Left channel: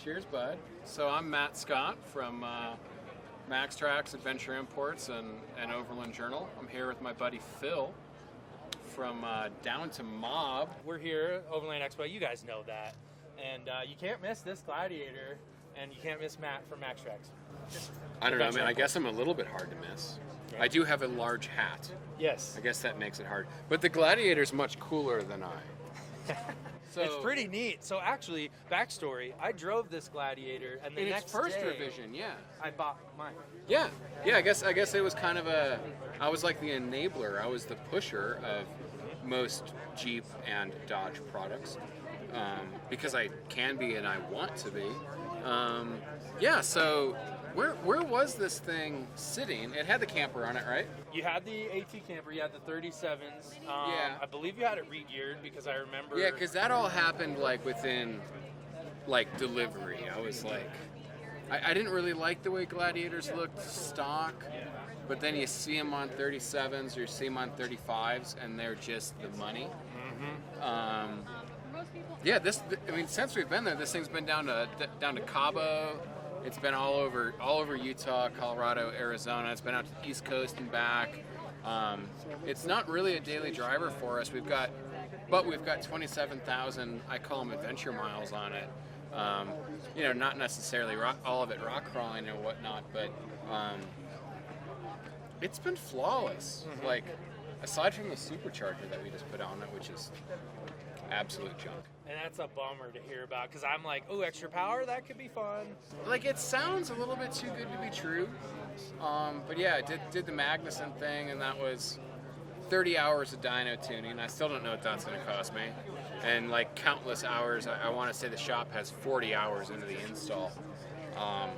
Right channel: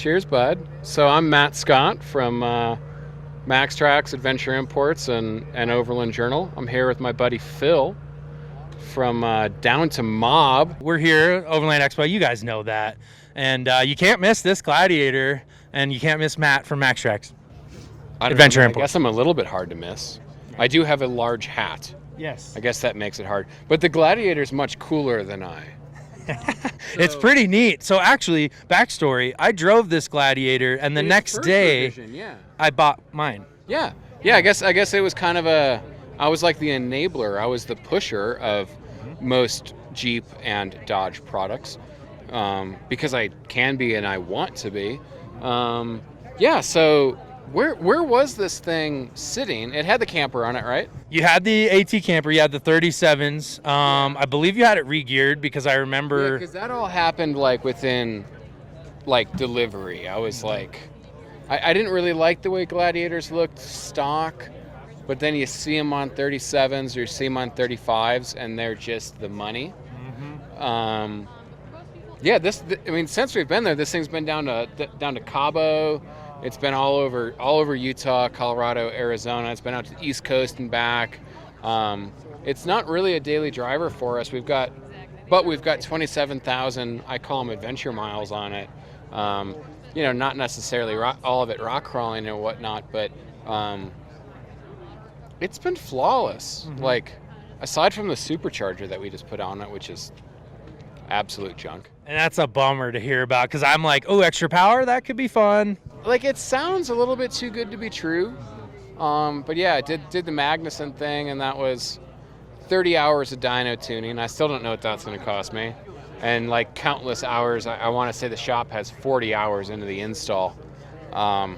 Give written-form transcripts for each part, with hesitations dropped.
Cheers, bud. So I'm Matt Scott from Maxtrax Adventure Imports and Overland Journal. I'm here with my buddy Phil from Down to Mob. We're here at Overland Expo. You guys know that. And you can't miss this Gladiator, and you can't miss Matt from Maxtrax. Adventure Imports. I guess I'm a little bit hard to miss. I do have a large hat. Yes. I guess that makes it hard. But the Gladiator's much cooler than I. It's pretty neat. So actually, backstory, I drove this Gladiator, and the next day, revision, yeah. I bought mine. Yeah. I guess it was kind of I was like the enabler. I was the pusher of most Jeep and Dodge products because I can be and I want to be. So where was this thing sitting? It had the camper on it, right? You had the AT Camper. You had the 37s. I believe you had it re-geared because I remember. Yeah, because that all happened like within delivery. I was like, I didn't really like the way Gladiators looked stock, but then you see them on 37s or you see them on 35s, and they're just the money. Mm-hmm. Since we've been there, this thing's been down to Cabo. It's been all over Utah, Colorado, Arizona. It's been out to the East Coast and back. It's not really a daily driver for us. We've got 27,000, I call them adventure miles on it. Not necessarily all of it rock crawling and whatnot, but it's been flawless. Mm-hmm. Like, aside from the supercharger that we just put on it, which is absolute junk. And that's a bummer to hear about because I'm like, oh, extra power? That could be fun. Like, it sounds a little bit too good to be true. But yeah, I did the Magnuson thing, and that was 30 hours of dyno tuning. I still don't know what that's going to cost me. And like countless hours, I want to say the shop has 40 hours into the install. So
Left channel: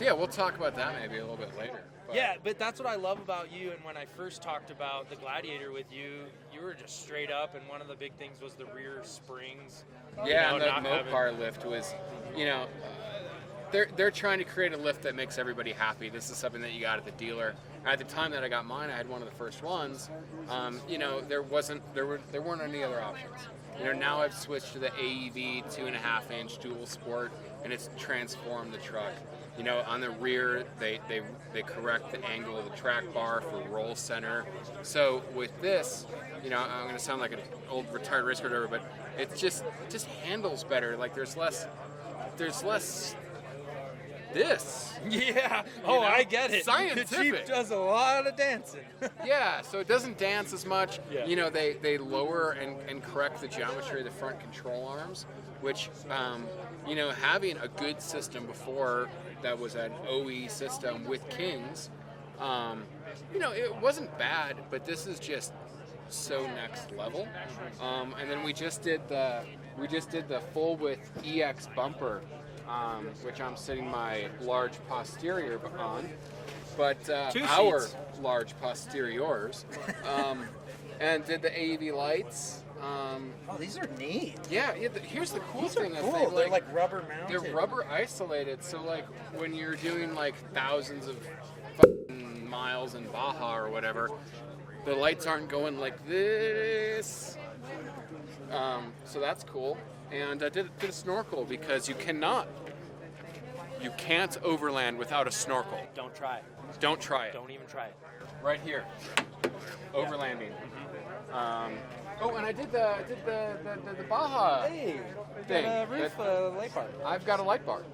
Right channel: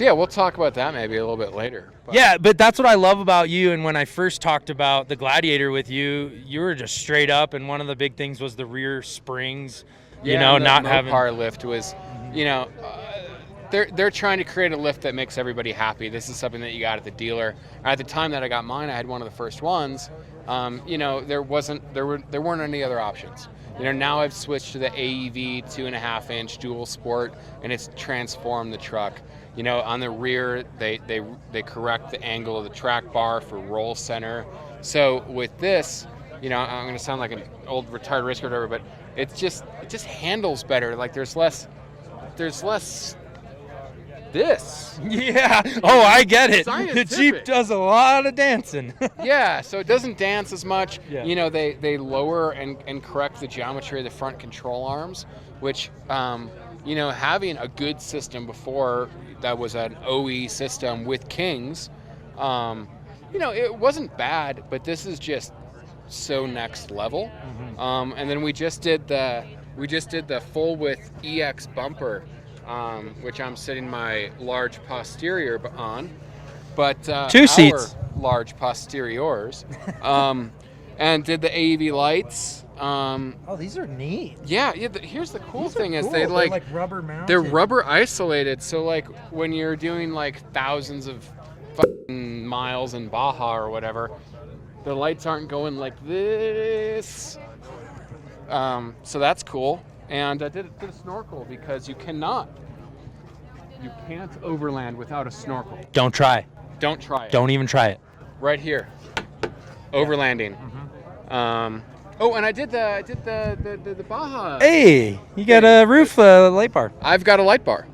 yeah, we'll talk about that maybe a little bit later. Yeah, but that's what I love about you. And when I first talked about the Gladiator with you, you were just straight up. And one of the big things was the rear springs. Not having Mopar lift was, they're trying to create a lift that makes everybody happy. This is something that you got at the dealer. At the time that I got mine, I had one of the first ones. There weren't any other options. Now I've switched to the AEV 2.5-inch dual sport, and it's transformed the truck. On the rear, they correct the angle of the track bar for roll center. So with this, I'm going to sound like an old retired race car driver, but it just handles better. Like there's less this. Yeah. Oh, I get it. Scientific. The Jeep does a lot of dancing. Yeah, so it doesn't dance as much. Yeah. They lower and correct the geometry of the front control arms, which, having a good system before that was an OE system with Kings, it wasn't bad, but this is just so next level. Mm-hmm. And then we just did the full width EX bumper, which I'm sitting my large posterior on, but two seats, large posteriors, and did the AEV lights. These are neat. Yeah. Here's the cool thing is cool. they're like rubber mounted. They're rubber isolated, so like when you're doing like thousands of fucking miles in Baja or whatever, the lights aren't going like this. So that's cool. And I did a snorkel because you can't overland without a snorkel. Don't try. Don't try it. Don't even try it. Right here. Overlanding. Mm-hmm. And I did the Baja. Hey, you got a roof light bar. I've got a light bar.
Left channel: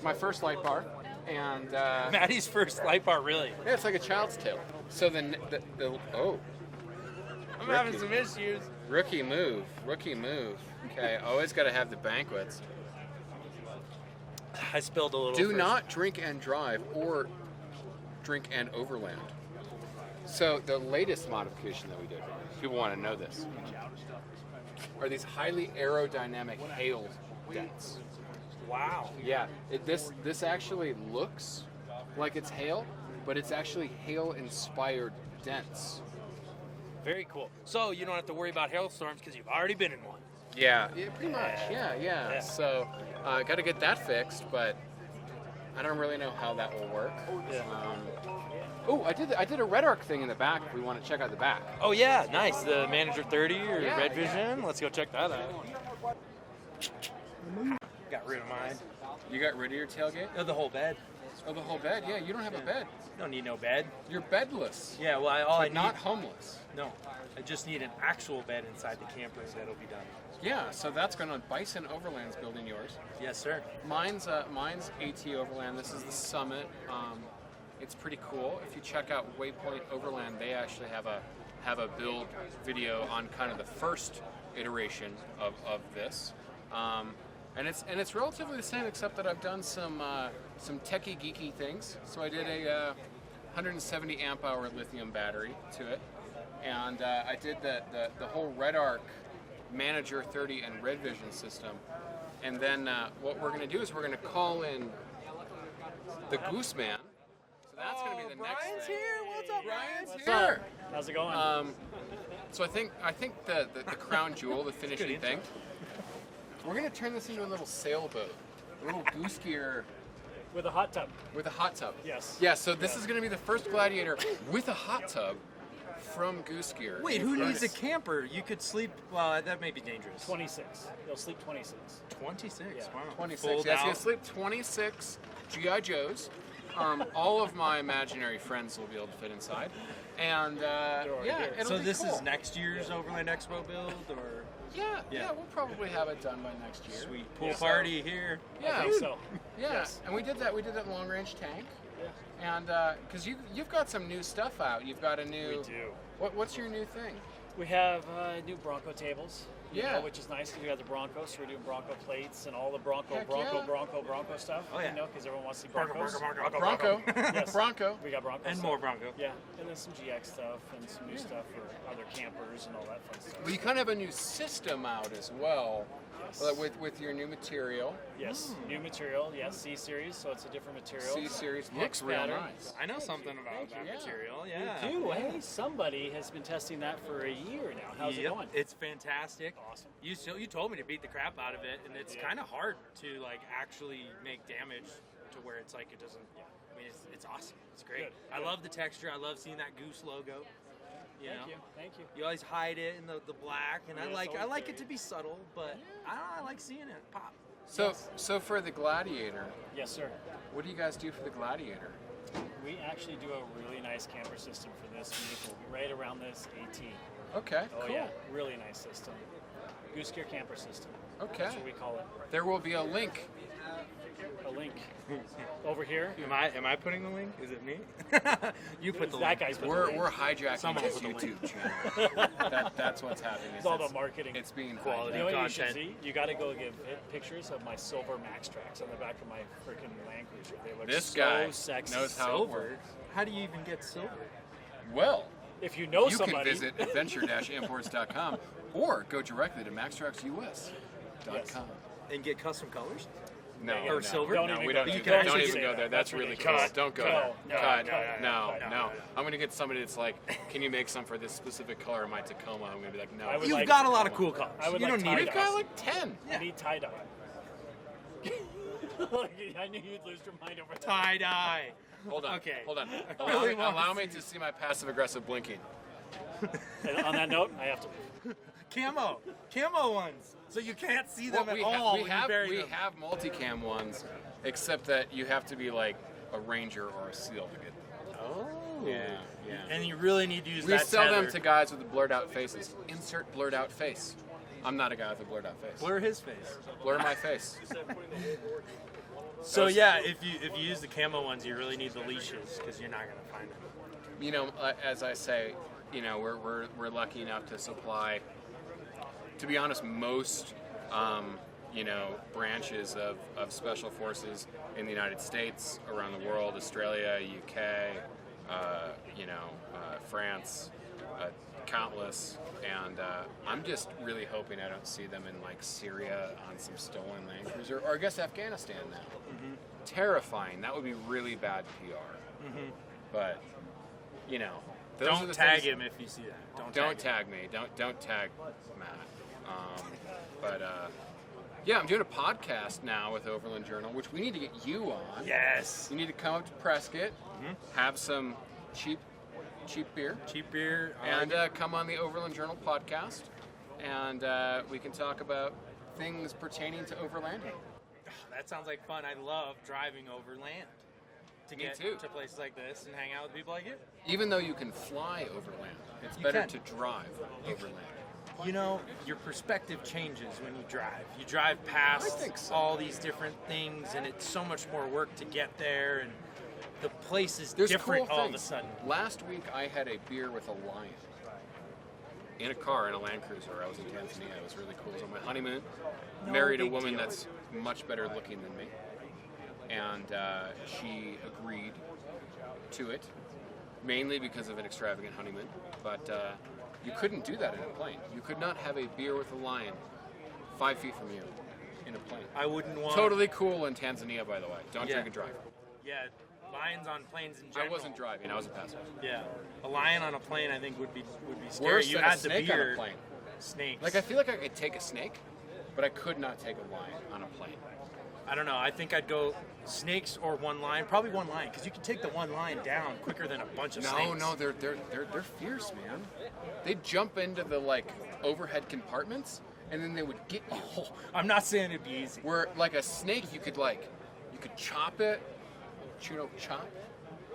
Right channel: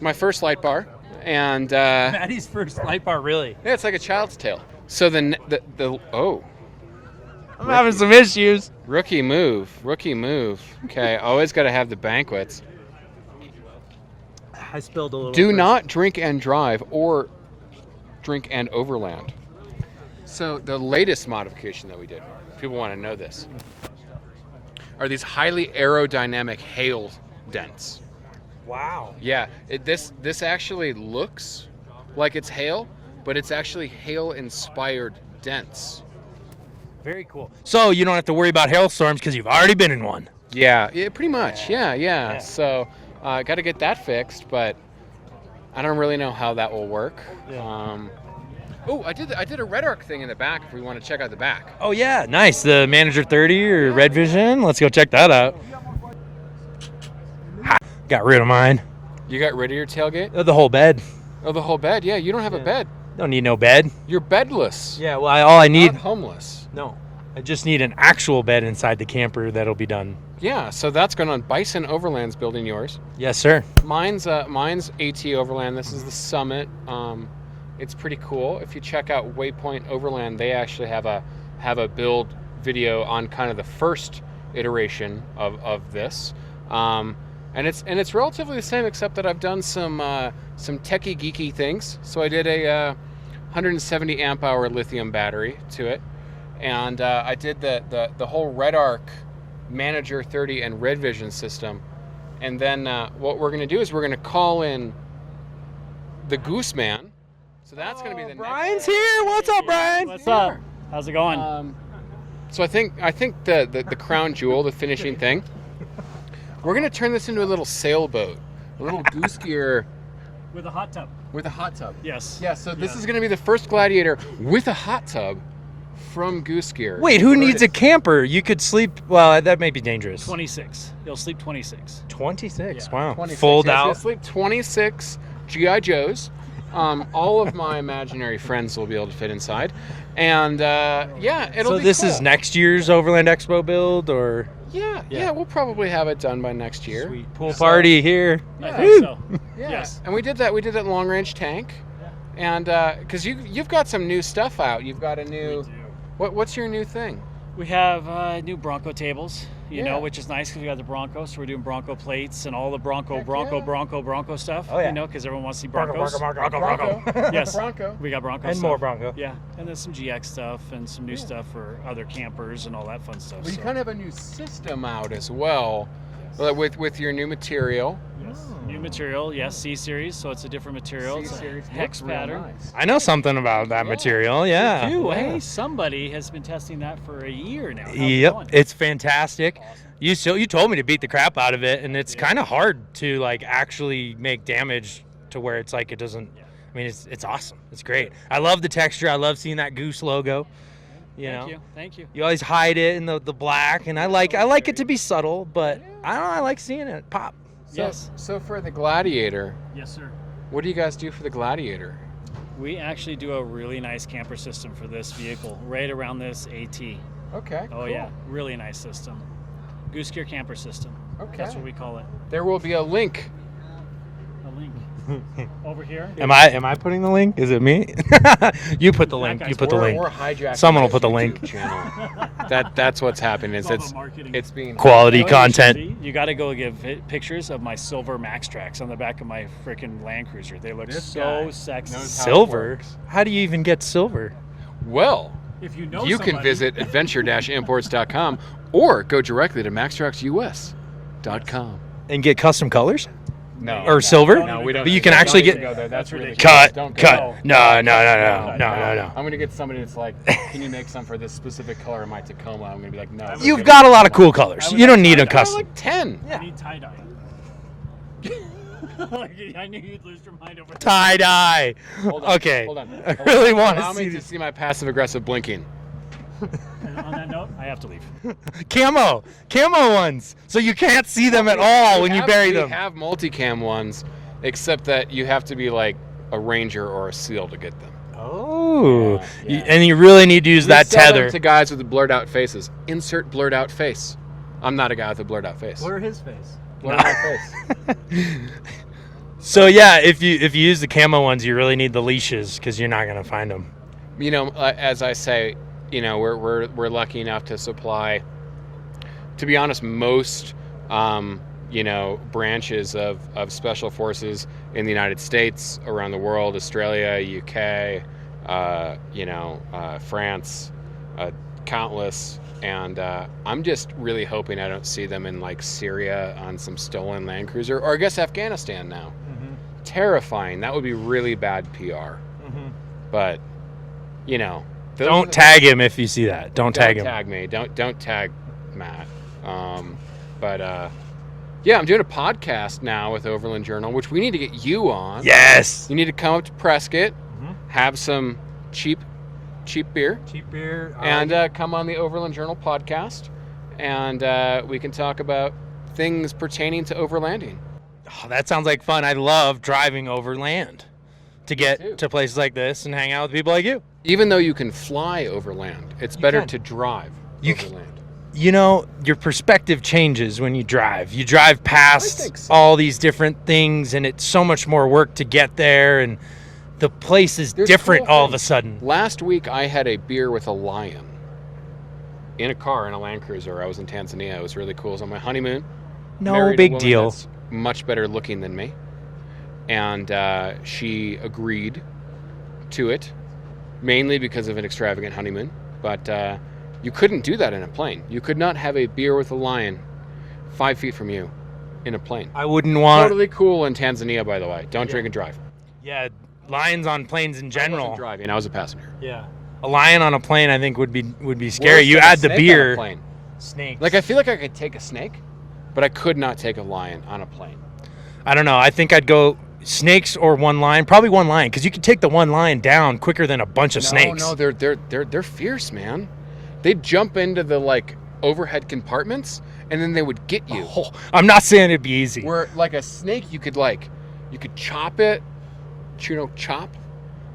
My first light bar. And Maddie's first light bar, really. Yeah, it's like a child's tale. So I'm having some issues. Rookie move. Okay, always got to have the banquets. I spilled a little. Do not drink and drive or drink and overland. So the latest modification that we did, people want to know this, are these highly aerodynamic hail dents. Wow. Yeah, this actually looks like it's hail, but it's actually hail-inspired dents. Very cool. So you don't have to worry about hailstorms because you've already been in one. Yeah, pretty much. Yeah. So got to get that fixed, but I don't really know how that will work. Yeah. I did a Red Arc thing in the back if we want to check out the back. Oh yeah, nice. The Manager 30 or Red Vision. Let's go check that out. Got rid of mine. You got rid of your tailgate? The whole bed. Oh, the whole bed? Yeah, you don't have a bed. Don't need no bed. You're bedless. Yeah, well, all I need. Not homeless. No. I just need an actual bed inside the camper that'll be done. Yeah, so that's going on. Bison Overland's building yours. Yes, sir. Mine's AT Overland. This is the Summit. It's pretty cool. If you check out Waypoint Overland, they actually have a build video on kind of the first iteration of this. And it's relatively the same, except that I've done some techie geeky things. So I did a 170 amp hour lithium battery to it, and I did the whole Red Arc Manager 30 and Red Vision system. And then what we're going to do is we're going to call in the Goose Man. So that's going to be the Brian's here. What's up, Brian? What's up? How's it going? So I think the crown jewel, the finishing thing, we're going to turn this into a little sailboat, a little goose gear With a hot tub. with a hot tub. Yes. Yeah, so this is going to be the first Gladiator with a hot tub from Goose Gear. Wait, who needs a camper? You could sleep. Well, that may be dangerous. 26. You'll sleep 26. 26. Yeah. Wow. 26. Fold Yeah, so out. you'll sleep 26 GI Joes. All of my imaginary friends will be able to fit inside, and yeah, it'll So be this cool. is next year's Overland Expo build, or Yeah, we'll probably have it done by next year. sweet pool party here? I think so. Yeah, Yes. and we did that long range tank, and because you've got some new stuff out. You've got a new. What's your new thing? We have new Bronco tables, you Yeah. know, which is nice because we got the Bronco, so we're doing Bronco plates and all the Bronco stuff. Oh, yeah. You know, because everyone wants to see Bronco, Broncos. Bronco. Yes. Bronco. We got Bronco And stuff. more Bronco. Yeah, and then some GX stuff and some new stuff for other campers and all that fun stuff. Well, you so. kind of have a new system out as well, with your new material. Yes, new material. Yes, C series, so it's a different material. It's a C-series hex looks real pattern. nice. I know something about that material. Yeah. Ooh, hey, somebody has been testing that for a year now. How's it Yep, going? it's fantastic. Awesome. You told me to beat the crap out of it, and it's kind of hard to like actually make damage to where it's like it doesn't. I mean, it's awesome. It's great. I love the texture. I love seeing that goose logo. You know, Thank you. you always hide it in the black, and I like it to be subtle, but I don't know. I like seeing it pop. So, Yes. so for the Gladiator, Yes, sir. what do you guys do for the Gladiator? We actually do a really nice camper system for this vehicle, right around this AT. Okay. Oh yeah, really nice system. Goose Gear camper system. Okay. That's what we call it. There will be a link. A link over here. Am I putting the link? Is it me? You put the That link. guy's You put the We're link. hijacking Someone will my put the YouTube link. Channel. That's what's happening. It's all about marketing. It's being Quality You know what you should content. see? You got to go give pictures of my silver Maxtrax on the back of my freaking Land Cruiser. They look This so guy sexy. knows how it Silver? works. How do you even get silver? Well, If you know you can somebody- visit adventure-imports.com or go directly to maxtraxus.com. And get custom colors? No. Or silver? No, we don't. But you can don't actually even get- go there. That's really Cut. Don't go. Cut. No. No. I'm gonna get somebody that's like, can you make some for this specific color of my Tacoma? I'm gonna be like, no. You've got a lot of cool colors. You don't need a I got custom. like 10. I need tie-dye. I knew you'd lose your mind over that. Tie dye. Hold on, Okay. Hold on. I really want Allow to me see to see my passive aggressive blinking. And on that note, I have to leave. camo ones, so you can't see them at all when you bury them. We have multicam ones, except that you have to be like a ranger or a seal to get them. Oh, Yeah. and you really need to use We that sell them tether. to guys with blurred out faces. Insert blurred out face. I'm not a guy with a blurred out face. his face. Blur my face. So yeah, if you use the camo ones, you really need the leashes because you're not gonna find them. You know, as I say, you know, we're lucky enough to supply, to be honest, most you know, branches of special forces in the United States, around the world, Australia, UK, you know, France, countless. And I'm just really hoping I don't see them in like Syria on some stolen Land Cruiser, or I guess Afghanistan now. Terrifying. That would be really bad PR. But you know, those are Don't the- tag him if you see that. Don't tag Don't him. tag me. Don't tag Matt. But yeah, I'm doing a podcast now with Overland Journal, which we need to get you on. Yes. You need to come up to Prescott, have some cheap beer, Cheap beer. and come on the Overland Journal podcast, and we can talk about things pertaining to overlanding. Oh, that sounds like fun. I love driving overland to too. get to places like this and hang out with people like you. Even though you can fly overland, it's better can. to drive You overland. You know, your perspective changes when you drive. You drive past all these different things, and it's so much more work to get there, and the place is There's different cool all of a things. sudden. Last week, I had a beer with a lion in a car in a Land Cruiser. I was in Tanzania. It was really cool. It was on my honeymoon. No Married a big woman deal. that's much better looking than me, and she agreed to it, mainly because of an extravagant honeymoon. But you couldn't do that in a plane. You could not have a beer with a lion 5 feet from you in a plane. I wouldn't want. Totally cool in Tanzania, by the way. Don't drink and drive. Yeah, lions on planes in I general. wasn't driving. I was a passenger. Yeah, a lion on a plane, I think, would be scary. Worse You than a add the snake on a beer. plane. Snakes. Like, I feel like I could take a snake, but I could not take a lion on a plane. I don't know. I think I'd go snakes or one lion. Probably one lion, because you can take the one lion down quicker than a bunch of snakes. No, they're fierce, man. They'd jump into the like overhead compartments, and then they would get you. Oh, I'm not saying it'd be easy. Where like a snake, you could chop it, chop.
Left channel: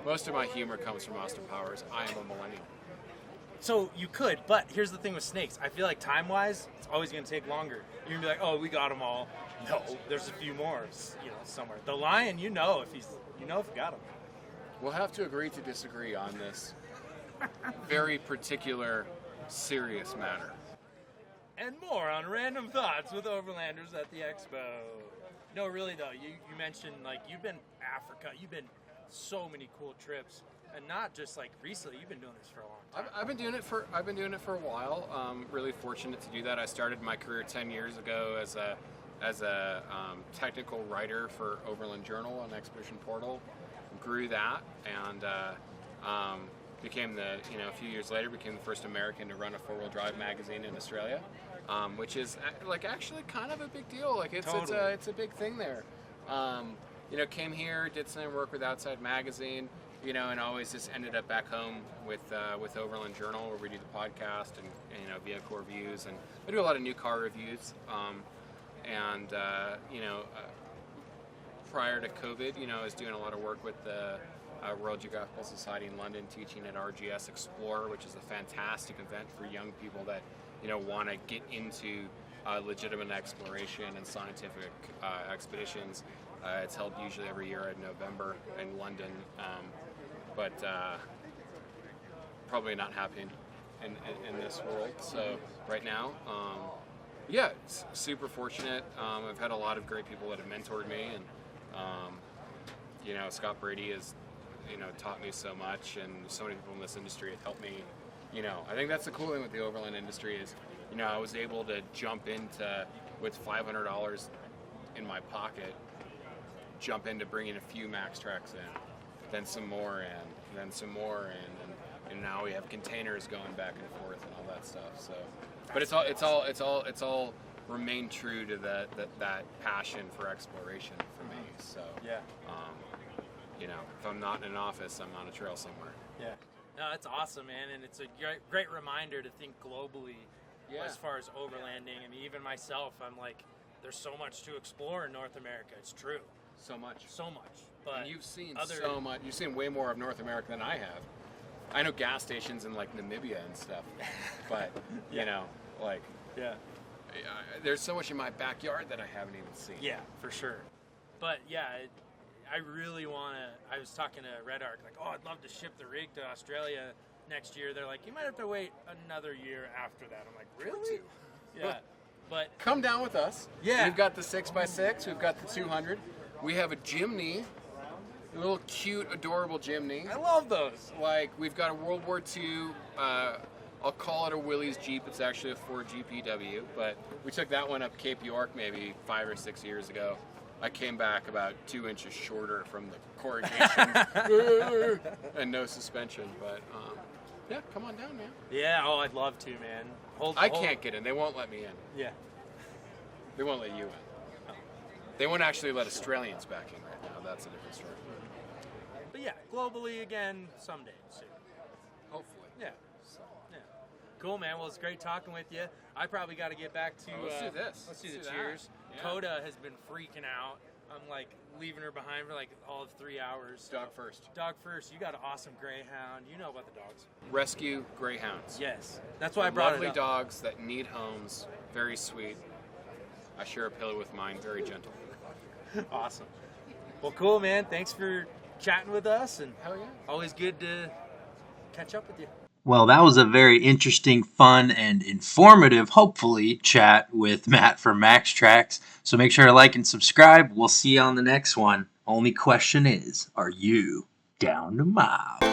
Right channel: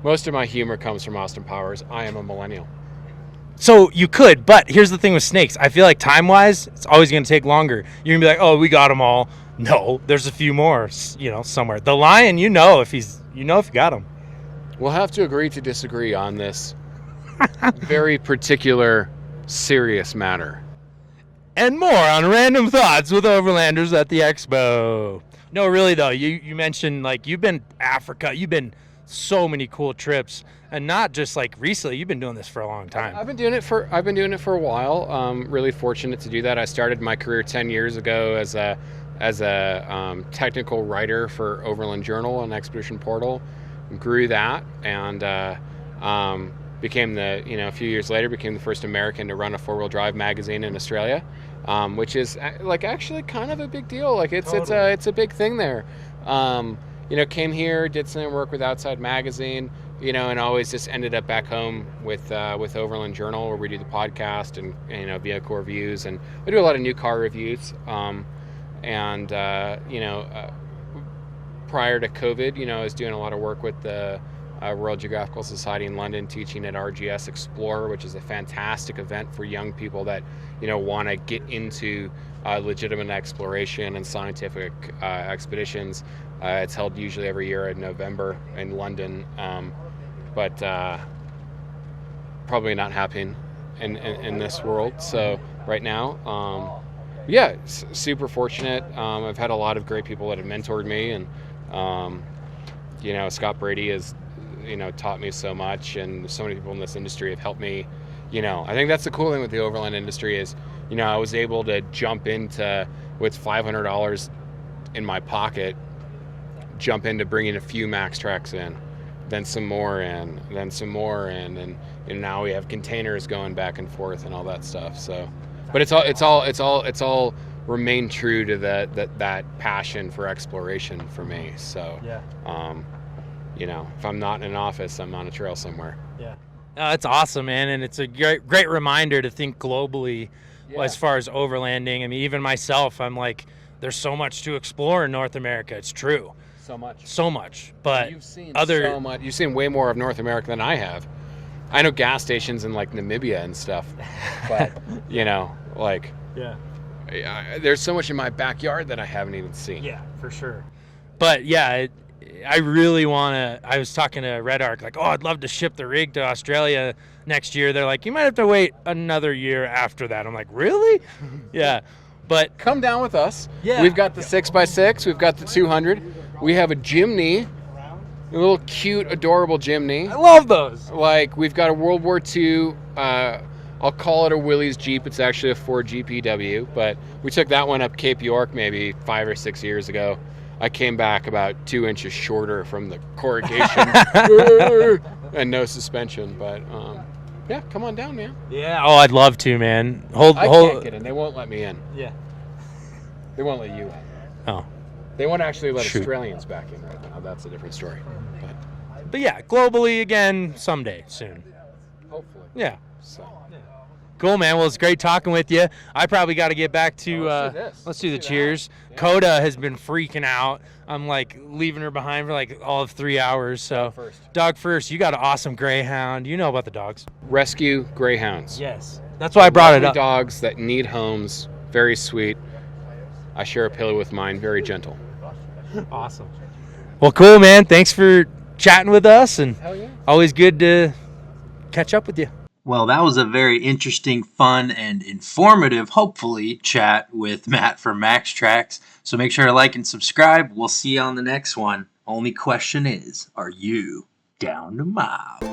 Most of my humor comes from Austin Powers. I am a millennial. So you could, but here's the thing with snakes. I feel like time-wise, it's always going to take longer. You're going to be like, oh, we got them all. No, there's a few more, somewhere. The lion, if you got him. We'll have to agree to disagree on this very particular, serious matter. And more on Random Thoughts with Overlanders at the Expo. No, really though, you mentioned like you've been Africa, you've been so many cool trips, and not just like recently. You've been doing this for a long time. I've been doing it for a while. Really fortunate to do that. I started my career 10 years ago as a technical writer for Overland Journal and Expedition Portal. Grew that and became a few years later became the first American to run a 4-wheel drive magazine in Australia, which is like actually kind of a big deal. Like it's a big thing there. Came here, did some work with Outside Magazine, and always just ended up back home with Overland Journal, where we do the podcast and vehicle reviews, and we do a lot of new car reviews. Prior to COVID, I was doing a lot of work with the Royal Geographical Society in London, teaching at RGS Explorer, which is a fantastic event for young people that want to get into legitimate exploration and scientific expeditions. It's held usually every year in November in London, but probably not happening in this world. So right now, super fortunate. I've had a lot of great people that have mentored me, and Scott Brady has taught me so much, and so many people in this industry have helped me. I think that's the cool thing with the overland industry is I was able to jump into, with $500 in my pocket, jump into bringing a few Maxtrax in, then some more in, then some more in, and now we have containers going back and forth and all that stuff. So, but it's all remained true to that passion for exploration for me. So, if I'm not in an office, I'm on a trail somewhere. Yeah, no, it's awesome, man, and it's a great reminder to think globally as far as overlanding. I mean, even myself, I'm like, there's so much to explore in North America. It's true. So much, but you've seen way more of North America than I have. I know gas stations in like Namibia and stuff, but there's so much in my backyard that I haven't even seen. Yeah, for sure. But yeah, I really want to. I was talking to Red Arc, like, I'd love to ship the rig to Australia next year. They're like, you might have to wait another year after that. I'm like, really? Yeah, but come down with us. Yeah, we've got the 6x6, we've got the 200. We have a Jimny, a little cute, adorable Jimny. I love those. Like, we've got a World War II, I'll call it a Willys Jeep. It's actually a Ford GPW, but we took that one up Cape York maybe 5 or 6 years ago. I came back about 2 inches shorter from the corrugation and no suspension, but come on down, man. Yeah, I'd love to, man. I can't get in. They won't let me in. Yeah. They won't let you in. Oh. They won't actually let Australians back in right now. That's a different story. But yeah, globally again someday soon. Hopefully. Yeah. So. Cool, man. Well, it's great talking with you. I probably got to get back to. Let's do the cheers. Yeah. Coda has been freaking out. I'm like leaving her behind for like all of 3 hours. So dog first. You got an awesome greyhound. You know about the dogs. Rescue greyhounds. Yes. That's why I brought it Lovely up. Dogs that need homes. Very sweet. I share a pillow with mine. Very gentle. Awesome. Well, cool, man. Thanks for chatting with us, and always good to catch up with you. Well, that was a very interesting, fun, and informative, hopefully, chat with Matt from Maxtrax. So make sure to like and subscribe. We'll see you on the next one. Only question is, are you down to mob?